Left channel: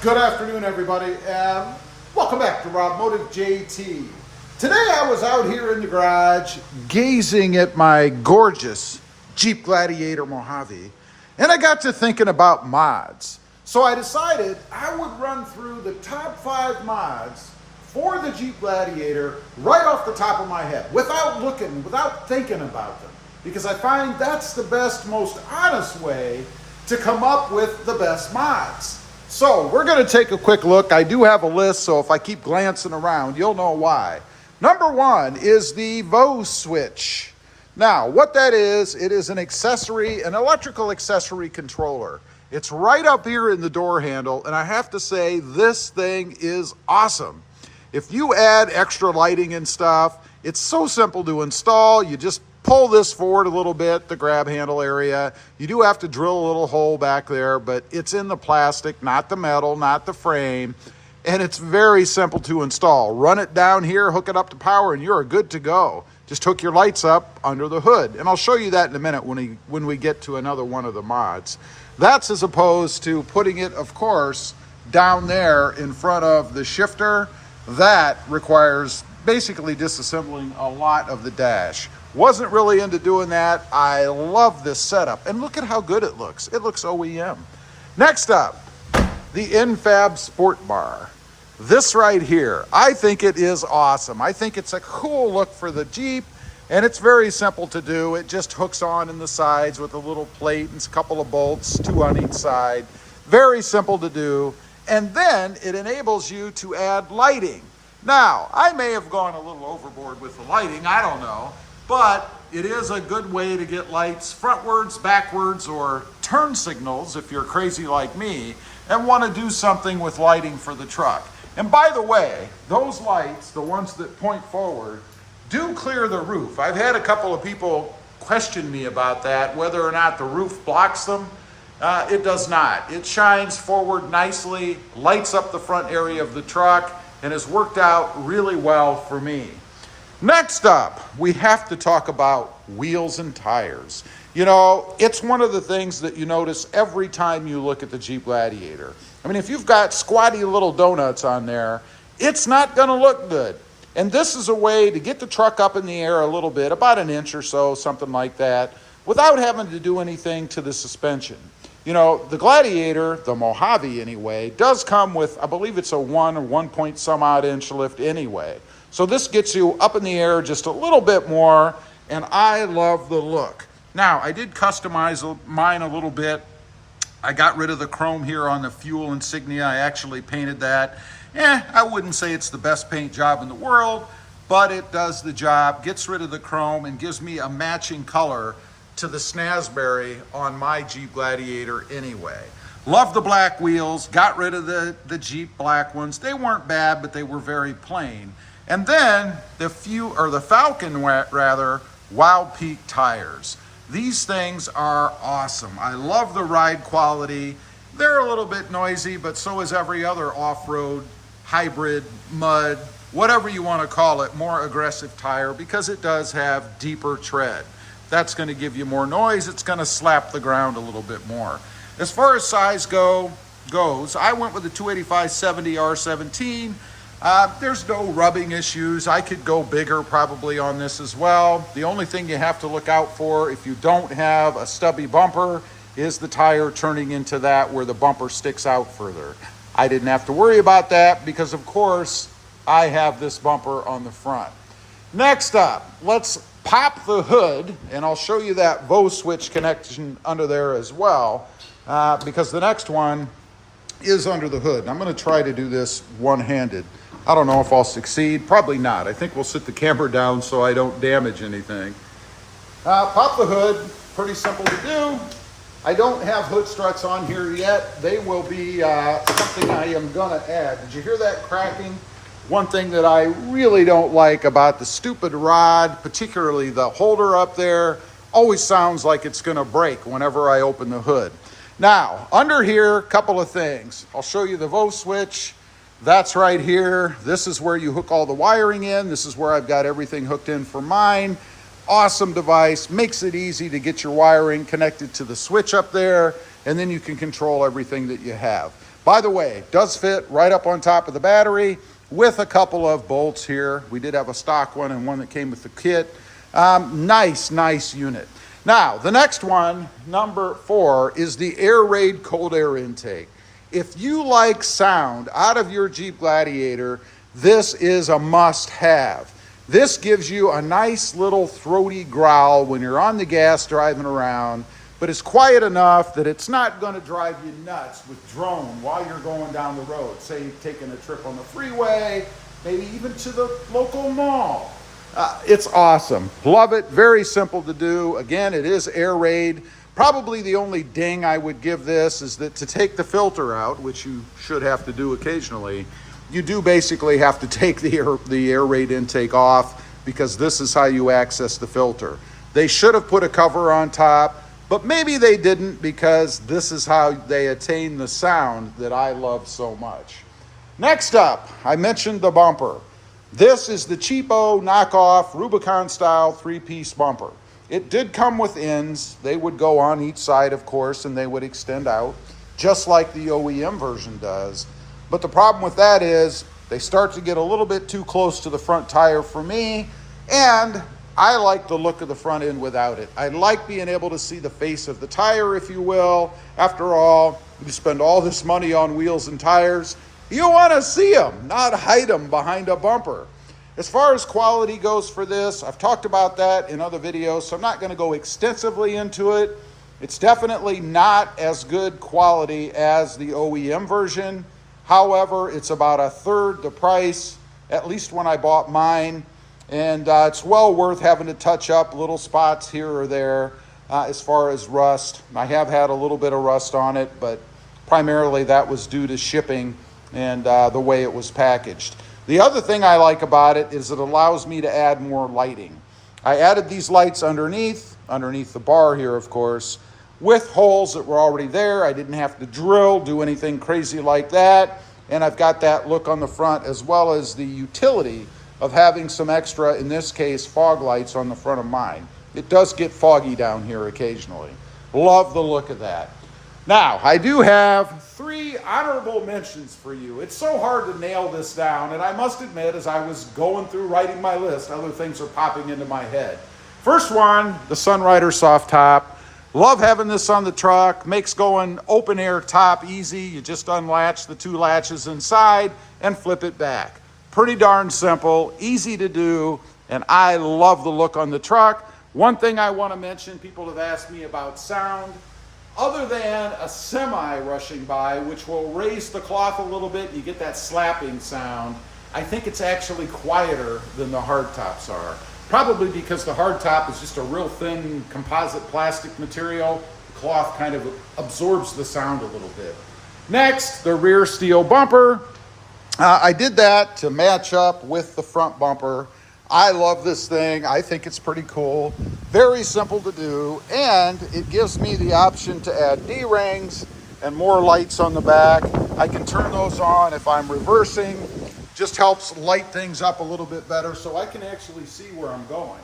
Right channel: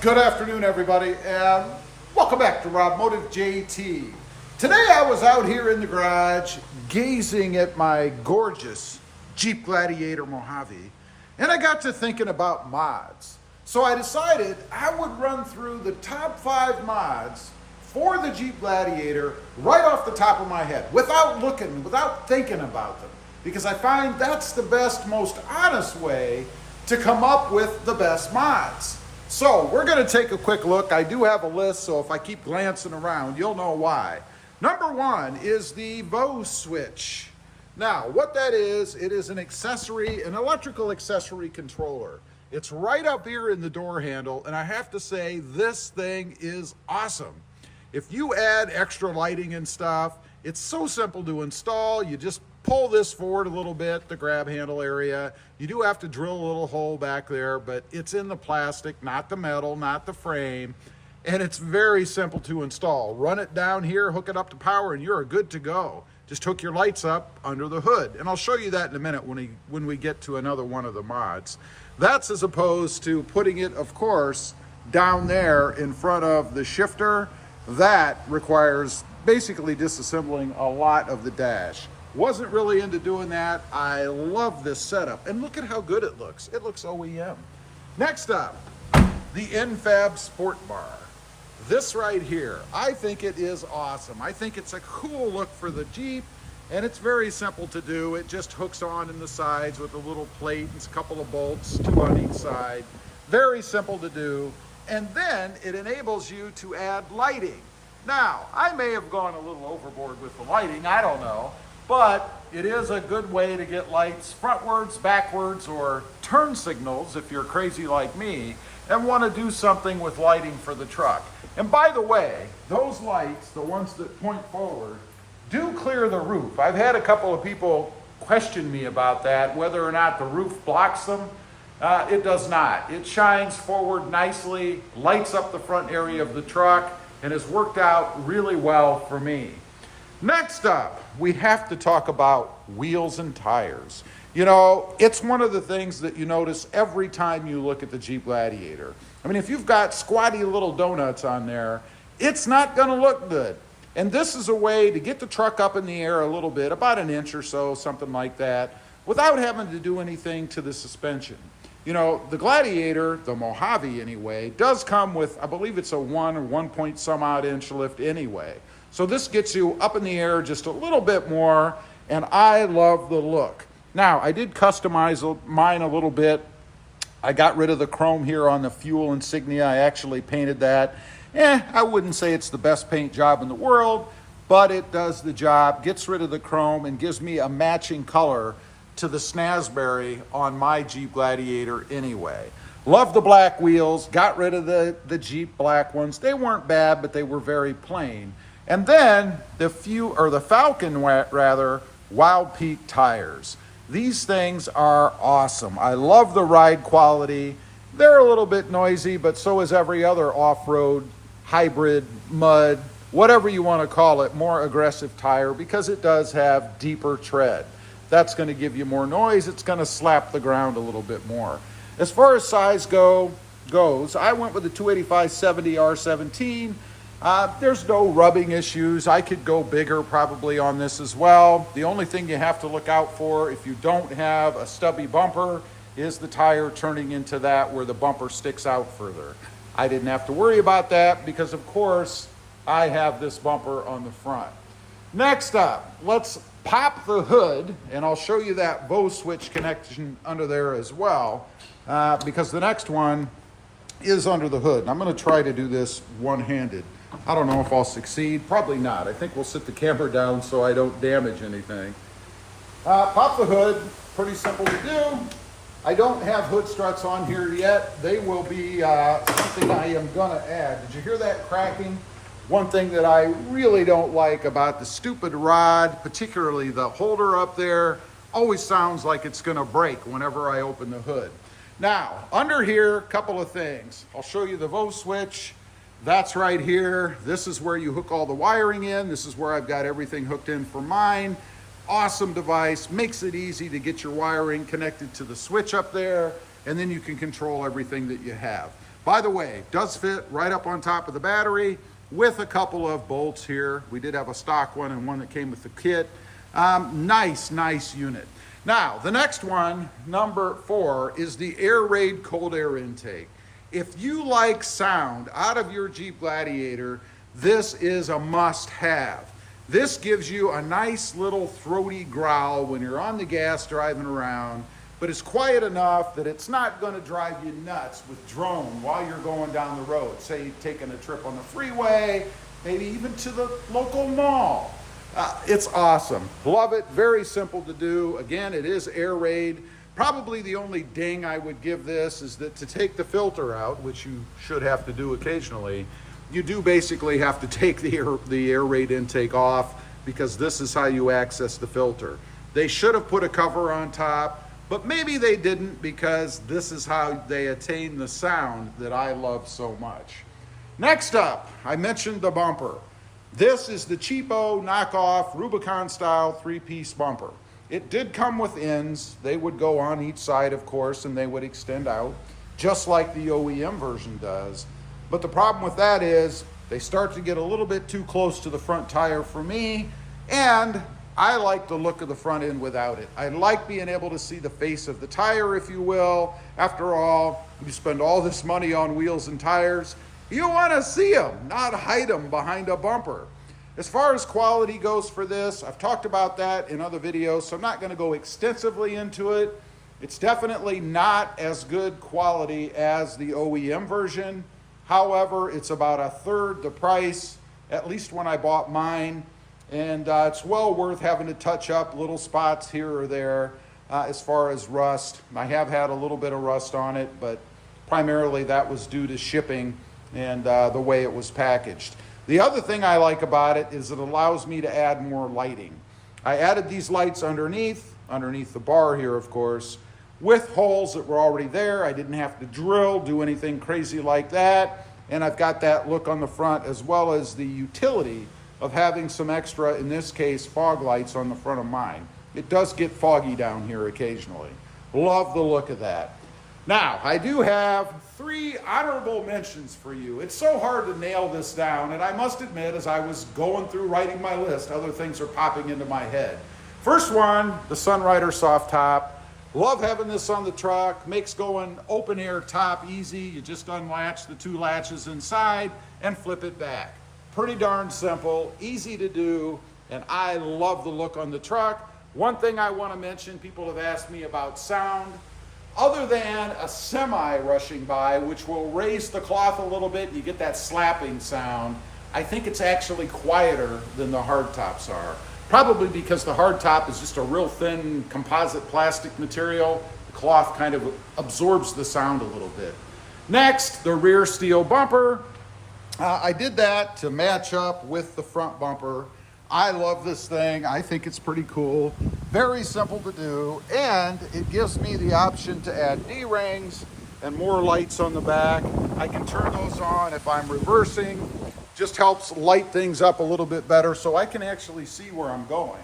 Good afternoon, everybody, and welcome back to Rob Motive JT. Today I was out here in the garage gazing at my gorgeous Jeep Gladiator Mojave, and I got to thinking about mods. So I decided I would run through the top 5 mods for the Jeep Gladiator right off the top of my head, without thinking about them, because I find that's the best, most honest way to come up with the best mods. So we're going to take a quick look. I do have a list, so if I keep glancing around, you'll know why. Number 1 is the VO switch. Now, what that is, it is an accessory, an electrical accessory controller. It's right up here in the door handle, and I have to say, this thing is awesome. If you add extra lighting and stuff, it's so simple to install. You just pull this forward a little bit, the grab handle area. You do have to drill a little hole back there, but it's in the plastic, not the metal, not the frame, and it's very simple to install. Run it down here, hook it up to power, and you're good to go. Just hook your lights up under the hood, and I'll show you that in a minute when we get to another one of the mods. That's as opposed to putting it, of course, down there in front of the shifter. That requires basically disassembling a lot of the dash. Wasn't really into doing that. I love this setup, and look at how good it looks. It looks OEM. Next up, the Infab Sport Bar. This right here, I think it is awesome. I think it's a cool look for the Jeep, and it's very simple to do. It just hooks on in the sides with a little plate and a couple of bolts, 2 on each side. Very simple to do, and then it enables you to add lighting. Now, I may have gone a little overboard with the lighting, I don't know, but it is a good way to get lights frontwards, backwards, or turn signals if you're crazy like me and want to do something with lighting for the truck. And by the way, those lights, the ones that point forward, do clear the roof. I've had a couple of people question me about that, whether or not the roof blocks them. It does not. It shines forward nicely, lights up the front area of the truck, and has worked out really well for me. Next up, we have to talk about wheels and tires. You know, it's one of the things that you notice every time you look at the Jeep Gladiator. I mean, if you've got squatty little donuts on there, it's not going to look good. And this is a way to get the truck up in the air a little bit, about an inch or so, something like that, without having to do anything to the suspension. You know, the Gladiator, the Mojave anyway, does come with, I believe it's a 1 or 1 point some odd inch lift anyway. So this gets you up in the air just a little bit more, and I love the look. Now, I did customize mine a little bit. I got rid of the chrome here on the fuel insignia. I actually painted that. I wouldn't say it's the best paint job in the world, but it does the job, gets rid of the chrome, and gives me a matching color to the Snazberry on my Jeep Gladiator anyway. Love the black wheels, got rid of the Jeep black ones. They weren't bad, but they were very plain. And then the Falcon Wild Peak tires. These things are awesome. I love the ride quality. They're a little bit noisy, but so is every other off-road, hybrid, mud, whatever you want to call it, more aggressive tire, because it does have deeper tread. That's going to give you more noise. It's going to slap the ground a little bit more. As far as size goes, I went with the 285/70 R17. There's no rubbing issues. I could go bigger probably on this as well. The only thing you have to look out for if you don't have a stubby bumper is the tire turning into that where the bumper sticks out further. I didn't have to worry about that because, of course, I have this bumper on the front. Next up, let's pop the hood, and I'll show you that VO switch connection under there as well, because the next one is under the hood. I'm going to try to do this one-handed. I don't know if I'll succeed. Probably not. I think we'll sit the camera down so I don't damage anything. Pop the hood. Pretty simple to do. I don't have hood struts on here yet. They will be something I am going to add. Did you hear that cracking? One thing that I really don't like about the stupid rod, particularly the holder up there, always sounds like it's going to break whenever I open the hood. Now, under here, a couple of things. I'll show you the VO switch. That's right here. This is where you hook all the wiring in. This is where I've got everything hooked in for mine. Awesome device, makes it easy to get your wiring connected to the switch up there, and then you can control everything that you have. By the way, does fit right up on top of the battery with a couple of bolts here. We did have a stock one and one that came with the kit. Nice unit. Now, the next one, number 4, is the Air Raid cold air intake. If you like sound out of your Jeep Gladiator, this is a must-have. This gives you a nice little throaty growl when you're on the gas driving around, but it's quiet enough that it's not going to drive you nuts with drone while you're going down the road. Say you're taking a trip on the freeway, maybe even to the local mall. It's awesome. Love it. Very simple to do. Again, it is Air Raid. Probably the only ding I would give this is that to take the filter out, which you should have to do occasionally, you do basically have to take the Air Raid intake off, because this is how you access the filter. They should have put a cover on top, but maybe they didn't, because this is how they attain the sound that I love so much. Next up, I mentioned the bumper. This is the cheapo knockoff Rubicon style 3-piece bumper. It did come with ends. They would go on each side, of course, and they would extend out, just like the OEM version does. But the problem with that is they start to get a little bit too close to the front tire for me, and I like the look of the front end without it. I like being able to see the face of the tire, if you will. After all, you spend all this money on wheels and tires. You want to see them, not hide them behind a bumper. As far as quality goes for this, I've talked about that in other videos, so I'm not going to go extensively into it. It's definitely not as good quality as the OEM version. However, it's about a third the price, at least when I bought mine. And it's well worth having to touch up little spots here or there as far as rust. I have had a little bit of rust on it, but primarily that was due to shipping and the way it was packaged. The other thing I like about it is it allows me to add more lighting. I added these lights underneath the bar here, of course, with holes that were already there. I didn't have to drill, do anything crazy like that. And I've got that look on the front, as well as the utility of having some extra, in this case, fog lights on the front of mine. It does get foggy down here occasionally. Love the look of that. Now, I do have 3 honorable mentions for you. It's so hard to nail this down, and I must admit, as I was going through writing my list, other things are popping into my head. First one, the Sunrider soft top. Love having this on the truck. Makes going open air top easy. You just unlatch the 2 latches inside and flip it back. Pretty darn simple, easy to do, and I love the look on the truck. One thing I want to mention, people have asked me about sound. Other than a semi rushing by, which will raise the cloth a little bit, you get that slapping sound, I think it's actually quieter than the hardtops are. Probably because the hardtop is just a real thin composite plastic material. The cloth kind of absorbs the sound a little bit. Next, the rear steel bumper. I did that to match up with the front bumper. I love this thing. I think it's pretty cool. Very simple to do, and it gives me the option to add D-rings and more lights on the back. I can turn those on if I'm reversing. Just helps light things up a little bit better so I can actually see where I'm going.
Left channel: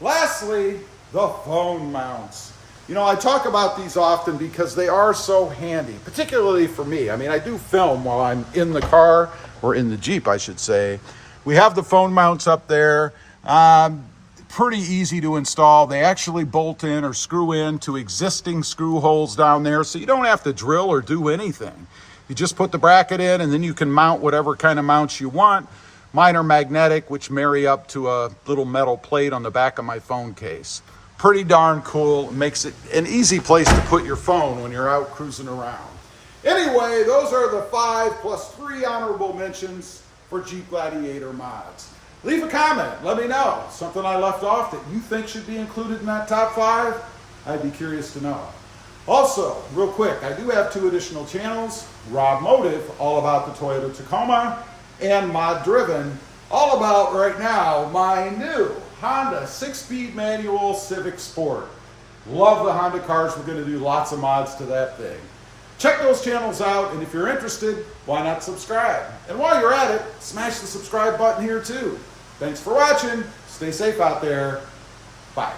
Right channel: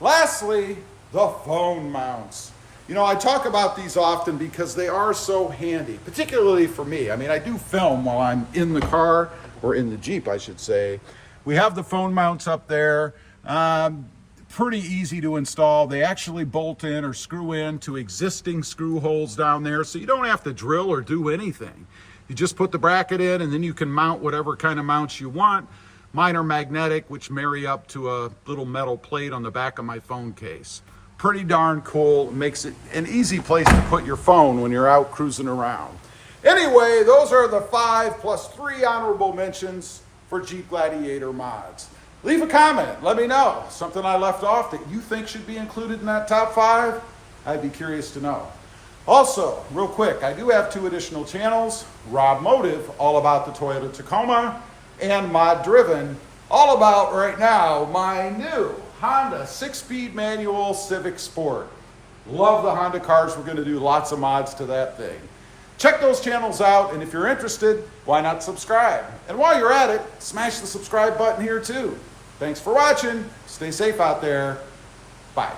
Lastly, the phone mounts. You know, I talk about these often because they are so handy, particularly for me. I mean, I do film while I'm in the car, or in the Jeep, I should say. We have the phone mounts up there. Pretty easy to install. They actually bolt in or screw in to existing screw holes down there, so you don't have to drill or do anything. You just put the bracket in, and then you can mount whatever kind of mounts you want. Mine are magnetic, which marry up to a little metal plate on the back of my phone case. Pretty darn cool. It makes it an easy place to put your phone when you're out cruising around. Anyway, those are the 5 plus 3 honorable mentions for Jeep Gladiator mods. Leave a comment. Let me know. Something I left off that you think should be included in that top 5? I'd be curious to know. Also, real quick, I do have 2 additional channels. Rob Motive, all about the Toyota Tacoma, and Mod Driven, all about, right now, my new Honda 6-speed manual Civic Sport. Love the Honda cars. We're going to do lots of mods to that thing. Check those channels out, and if you're interested, why not subscribe? And while you're at it, smash the subscribe button here too. Thanks for watching. Stay safe out there. Bye.